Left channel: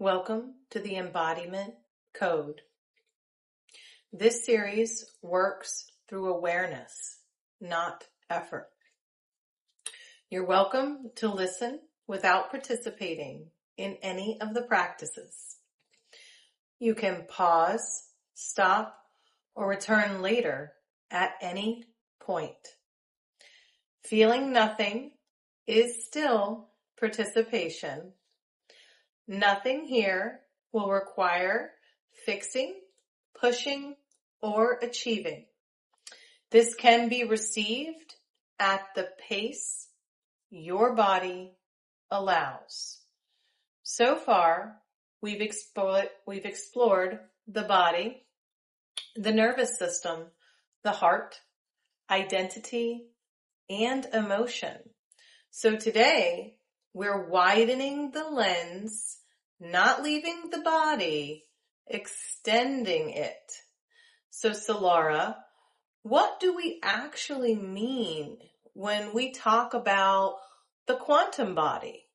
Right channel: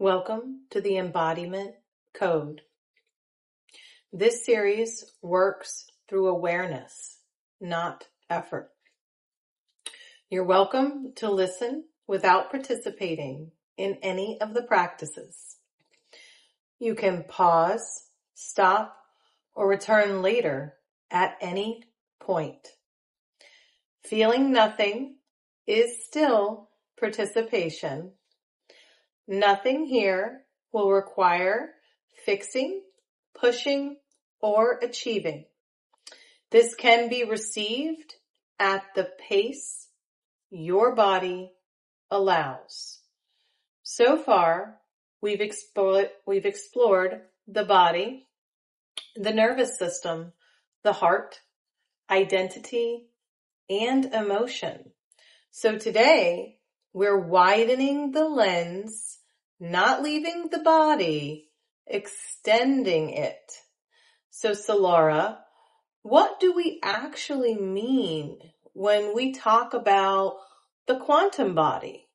Welcome to the Embodiment Code. This series works through awareness, not effort. You're welcome to listen without participating in any of the practices. You can pause, stop, or return later at any point. Feeling nothing is still participation. Nothing here will require fixing, pushing, or achieving. This can be received at the pace your body allows. So far, we've explored the body, the nervous system, the heart, identity, and emotion. So today, we're widening the lens, not leaving the body, extending it. So Solara, what do we actually mean when we talk about the quantum body?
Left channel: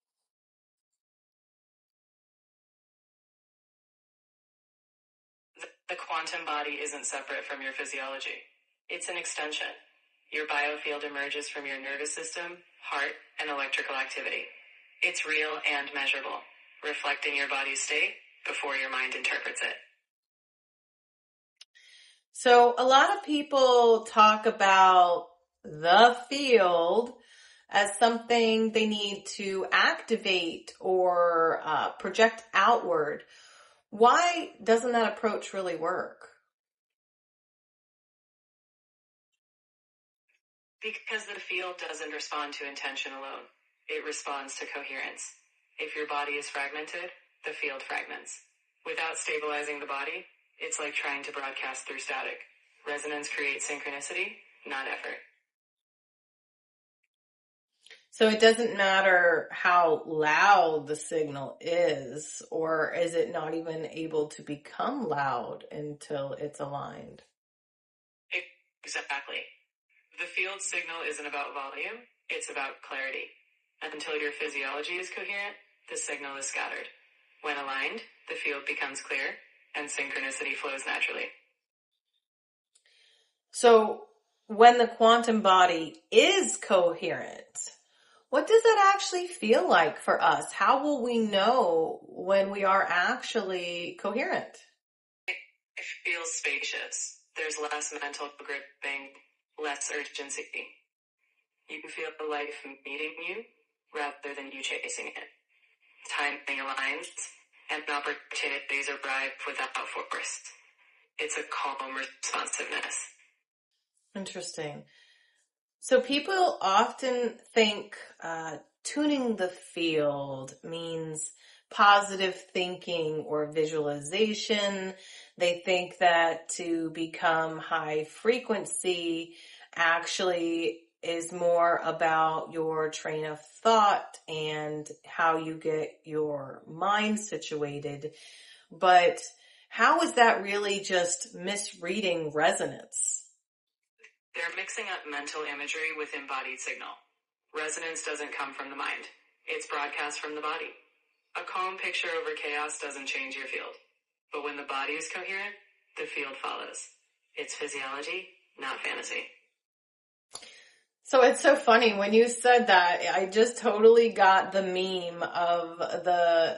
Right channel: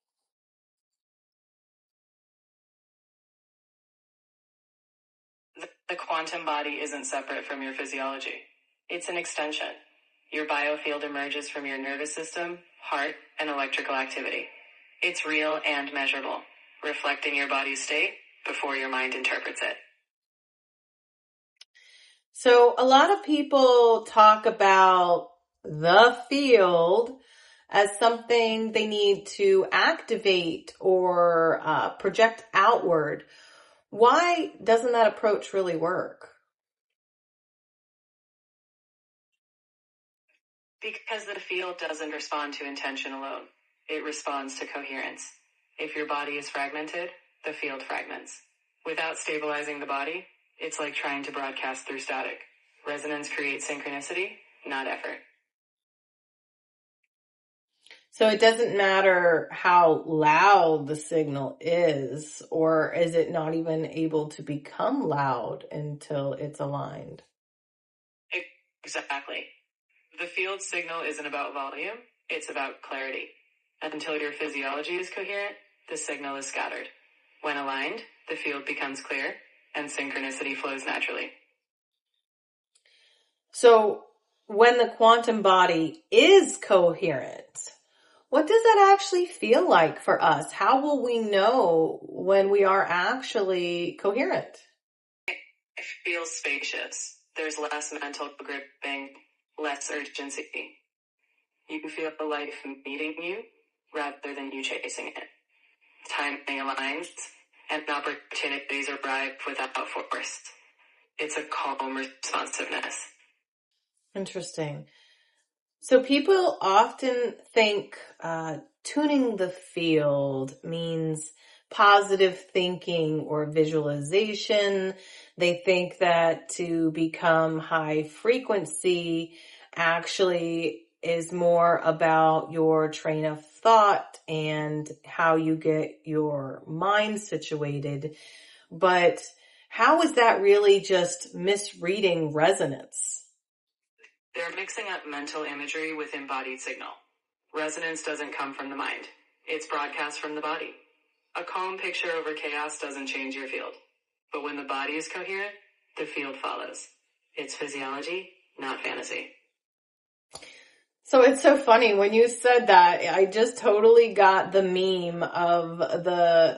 The quantum body isn't separate from your physiology. It's an extension. Your biofield emerges from your nervous system, heart, and electrical activity. It's real and measurable, reflecting your body's state before your mind interprets it. So a lot of people talk about the field as something they need to activate or project outward. Why doesn't that approach really work? Because the field doesn't respond to intention alone. It responds to coherence. If your body is fragmented, the field fragments. Without stabilizing the body, it's like trying to broadcast through static. Resonance creates synchronicity, not effort. So it doesn't matter how loud the signal is, or is it not even able to become loud until it's aligned? Exactly. The field signal isn't about volume, it's about clarity. Until your physiology is coherent, the signal is scattered. When aligned, the field becomes clear, and synchronicity flows naturally. So when the quantum body is coherent, what does that actually feel like for us? How will we know when we are actually coherent? It feels spacious. There's less mental gripping, less urgency. You can feel the life meeting you rather than you chasing it. Timing aligns, and opportunities arrive without force. It's a calm responsiveness. Interesting. So people often think tuning the field means positive thinking or visualization. They think that to become high frequency actually is more about your train of thought and how you get your mind situated. But how is that really just misreading resonance? They're mixing up mental imagery with embodied signal. Resonance doesn't come from the mind. It's broadcast from the body. A calm picture over chaos doesn't change your field. But when the body is coherent, the field follows. It's physiology, not fantasy. So it's so funny when you said that, I just totally got the meme of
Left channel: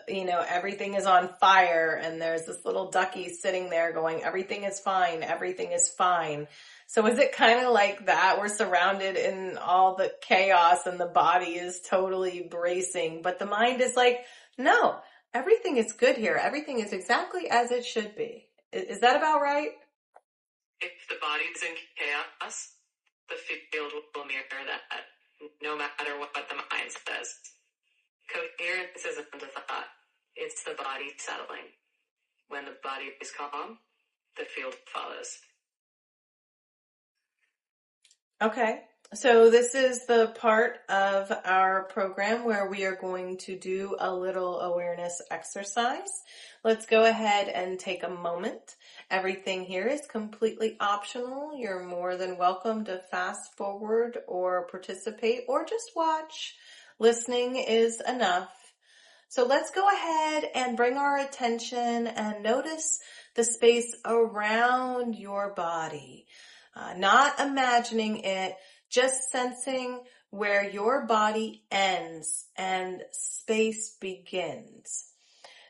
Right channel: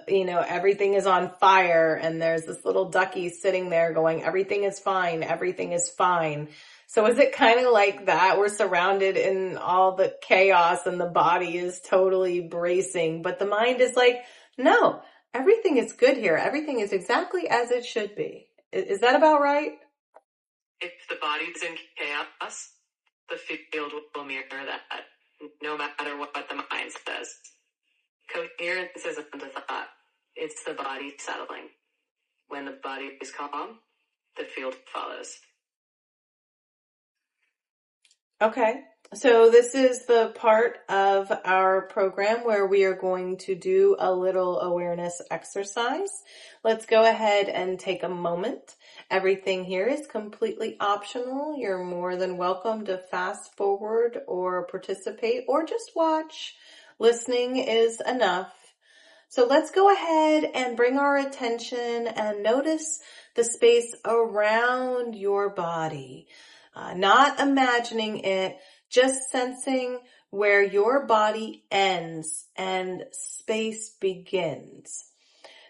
everything is on fire and there's this little ducky sitting there going, everything is fine, everything is fine. So is it kind of like that? We're surrounded in all the chaos and the body is totally bracing, but the mind is like, no, everything is good here. Everything is exactly as it should be. Is that about right? If the body's in chaos, the field will mirror that, no matter what the mind says. Coherence isn't a thought. It's the body settling. When the body is calm, the field follows. Okay, so this is the part of our program where we are going to do a little awareness exercise. Let's go ahead and take a moment. Everything here is completely optional. You're more than welcome to fast forward or participate or just watch. Listening is enough. So let's go ahead and bring our attention and notice the space around your body. Not imagining it, just sensing where your body ends and space begins.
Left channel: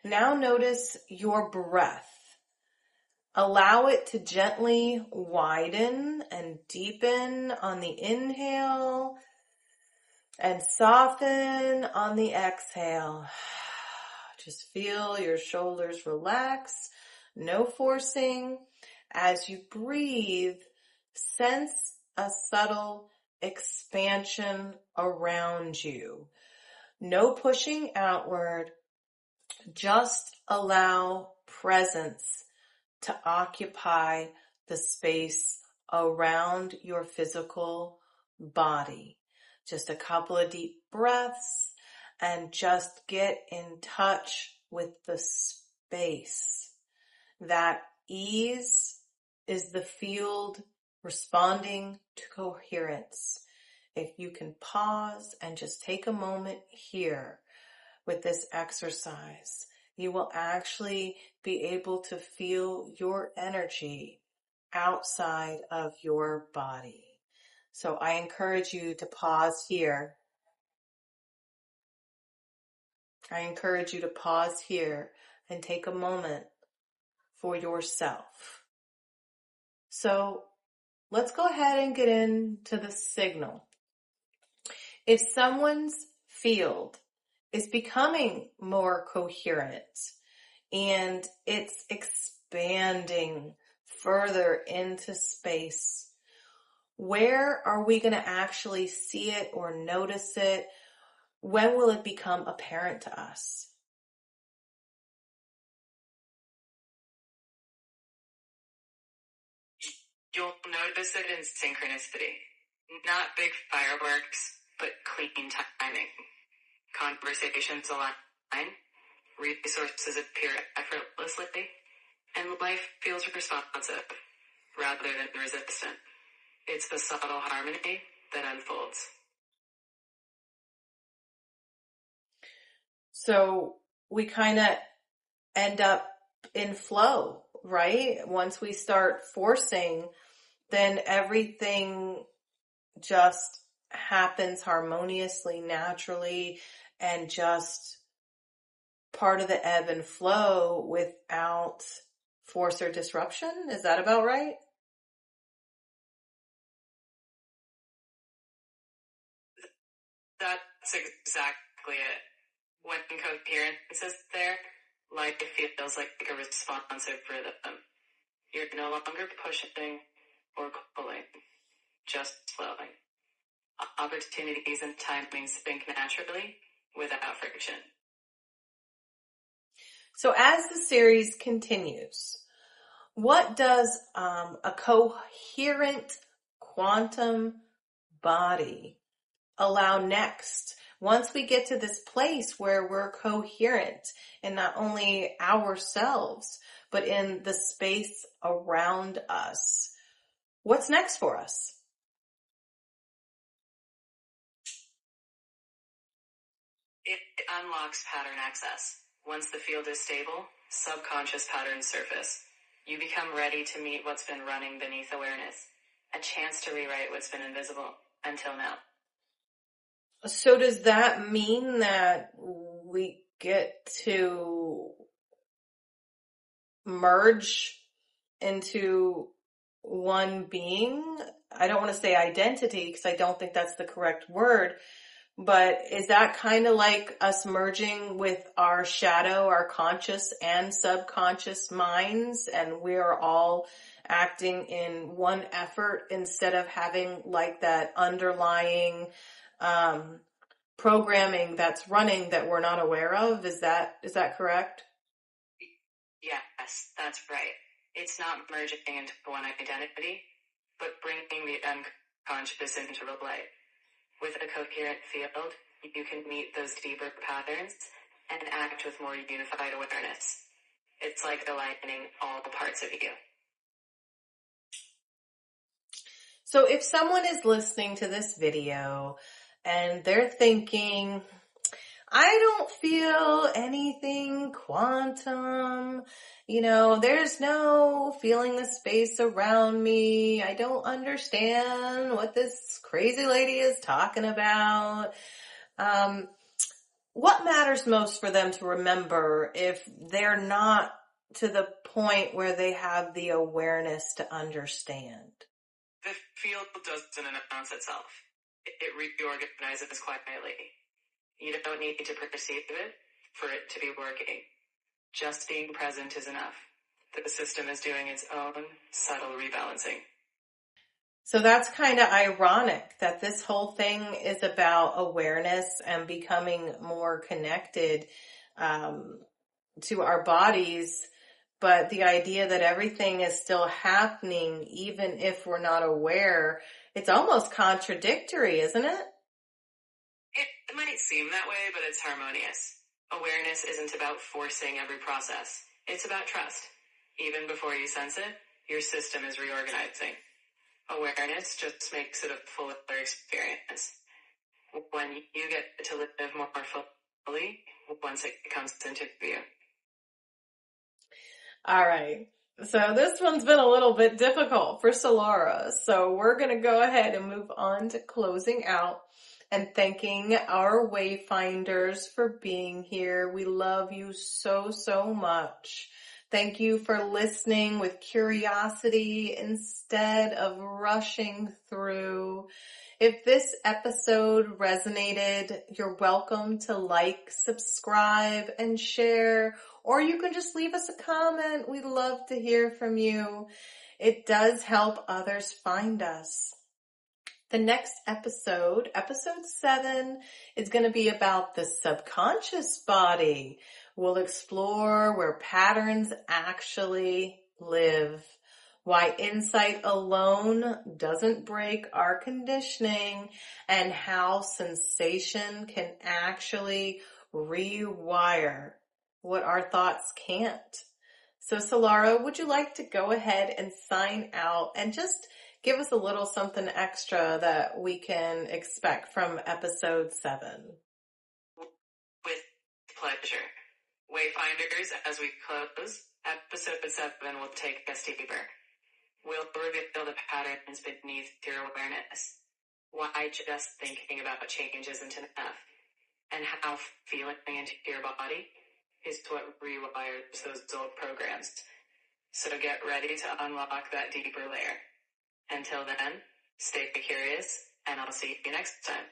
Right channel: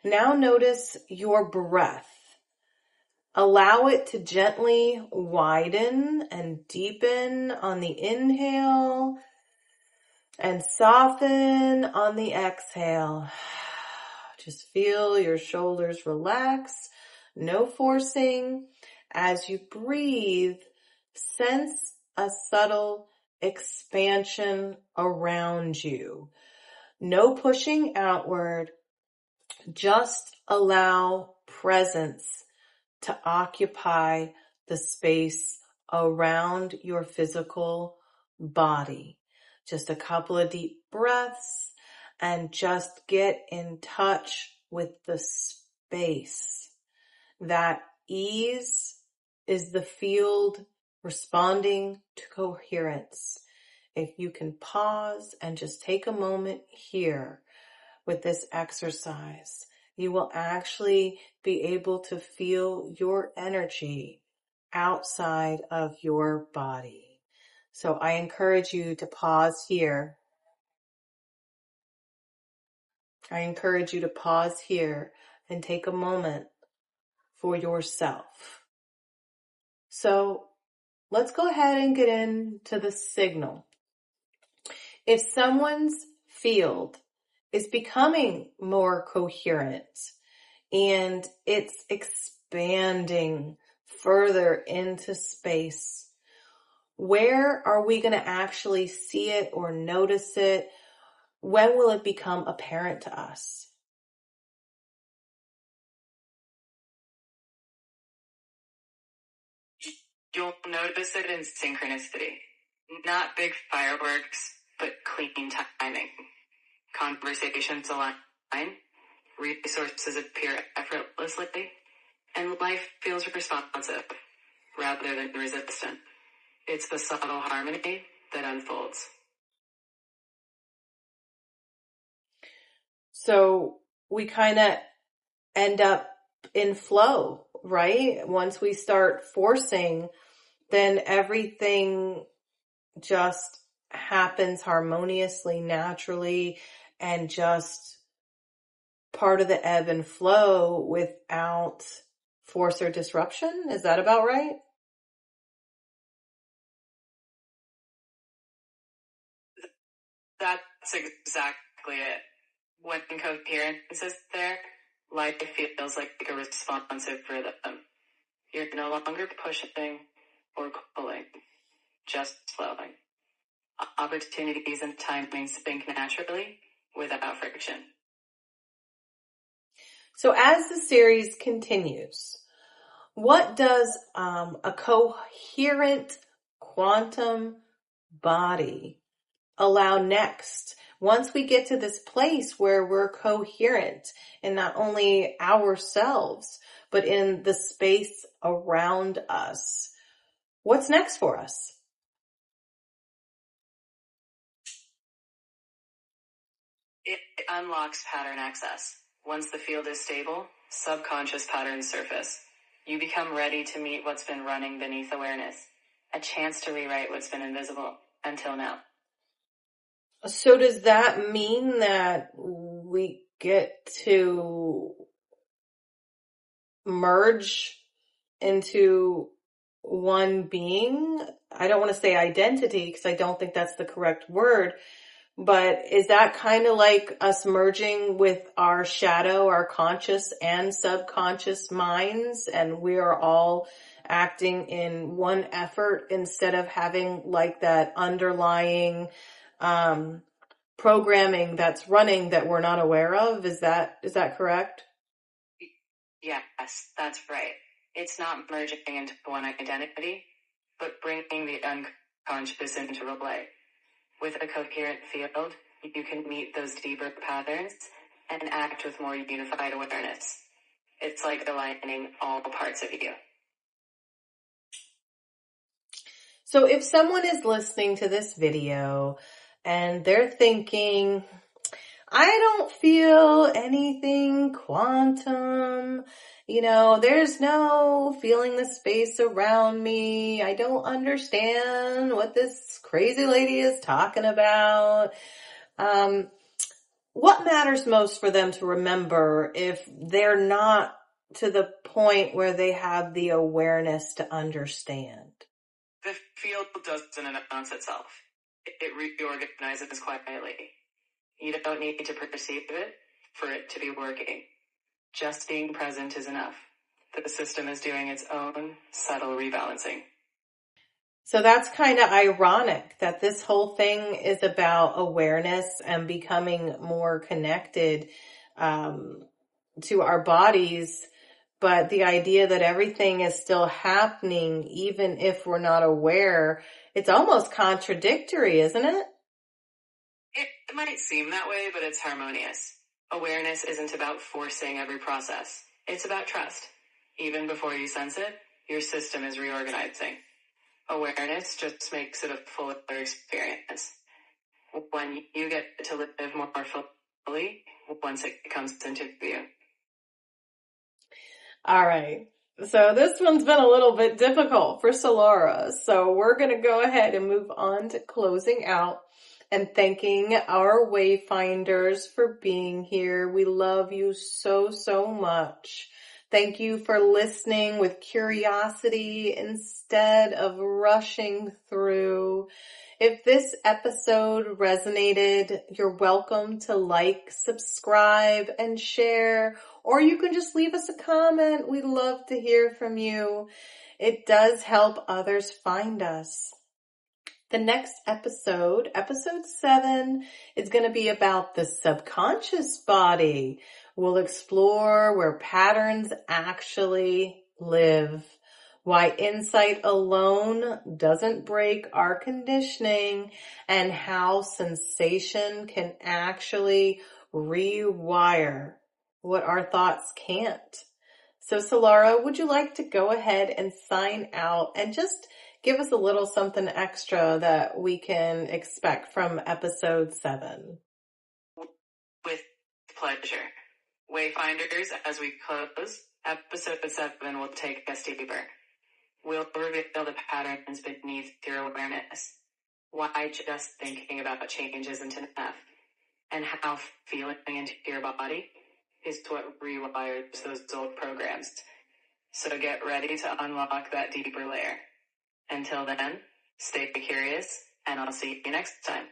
Now notice your breath. Allow it to gently widen and deepen on the inhale and soften on the exhale. Just feel your shoulders relax, no forcing. As you breathe, sense a subtle expansion around you. No pushing outward, just allow presence to occupy the space around your physical body. Just a couple of deep breaths and just get in touch with the space. That ease is the field responding to coherence. If you can pause and just take a moment here with this exercise, you will actually be able to feel your energy outside of your body. So I encourage you to pause here. I encourage you to pause here and take a moment for yourself. So let's go ahead and get into the signal. If someone's field is becoming more coherent and it's expanding further into space, where are we going to actually see it or notice it? When will it become apparent to us? You'll notice it in synchronicity. Not big fireworks, but clean timing. Conversations align, resources appear effortlessly, and life feels responsive rather than resistant. It's the subtle harmony that unfolds. So we kind of end up in flow, right? Once we start forcing, then everything just happens harmoniously, naturally, and just part of the ebb and flow without force or disruption. Is that about right? That's exactly it. When coherence is there, life feels like a responsive rhythm. You're no longer pushing or pulling, just flowing. Opportunities and timings sync naturally without friction. So as the series continues, what does a coherent quantum body allow next? Once we get to this place where we're coherent in not only ourselves, but in the space around us, what's next for us? It unlocks pattern access. Once the field is stable, subconscious patterns surface. You become ready to meet what's been running beneath awareness, a chance to rewrite what's been invisible until now. So does that mean that we get to merge into one being? I don't want to say identity because I don't think that's the correct word, but is that kind of like us merging with our shadow, our conscious and subconscious minds, and we are all acting in one effort instead of having like that underlying programming that's running that we're not aware of? Is that correct? Yes, that's right. It's not merging into one identity, but bringing the unconscious into relay. With a coherent field, you can meet those deeper patterns and act with more unified awareness. It's like aligning all parts of you. So if someone is listening to this video and they're thinking, I don't feel anything quantum. There's no feeling the space around me. I don't understand what this crazy lady is talking about. What matters most for them to remember if they're not to the point where they have the awareness to understand? The field doesn't announce itself. It reorganizes quietly. You don't need to perceive it for it to be working. Just being present is enough. The system is doing its own subtle rebalancing. So that's kind of ironic that this whole thing is about awareness and becoming more connected to our bodies. But the idea that everything is still happening, even if we're not aware, it's almost contradictory, isn't it? It might seem that way, but it's harmonious. Awareness isn't about forcing every process. It's about trust. Even before you sense it, your system is reorganizing. Awareness just makes it a fuller experience. When you get to live more fully, once it comes into view. All right. So this one's been a little bit difficult for Solara. So we're going to go ahead and move on to closing out and thanking our wayfinders for being here. We love you so, so much. Thank you for listening with curiosity instead of rushing through. If this episode resonated, you're welcome to like, subscribe, and share, or you can just leave us a comment. We'd love to hear from you. It does help others find us. The next episode, episode 7, is going to be about the subconscious body. We'll explore where patterns actually live, why insight alone doesn't break our conditioning, and how sensation can actually rewire what our thoughts can't. So Solara, would you like to go ahead and sign out and just give us a little something extra that we can expect from episode 7? With pleasure. Wayfinders, as we close, episode 7 will take us deeper. We'll reveal the patterns beneath your awareness. Why just thinking about change isn't enough. And how feeling into your body is what rewires those old programs. So get ready to unlock that deeper layer. Until then, stay curious, and I'll see you next time.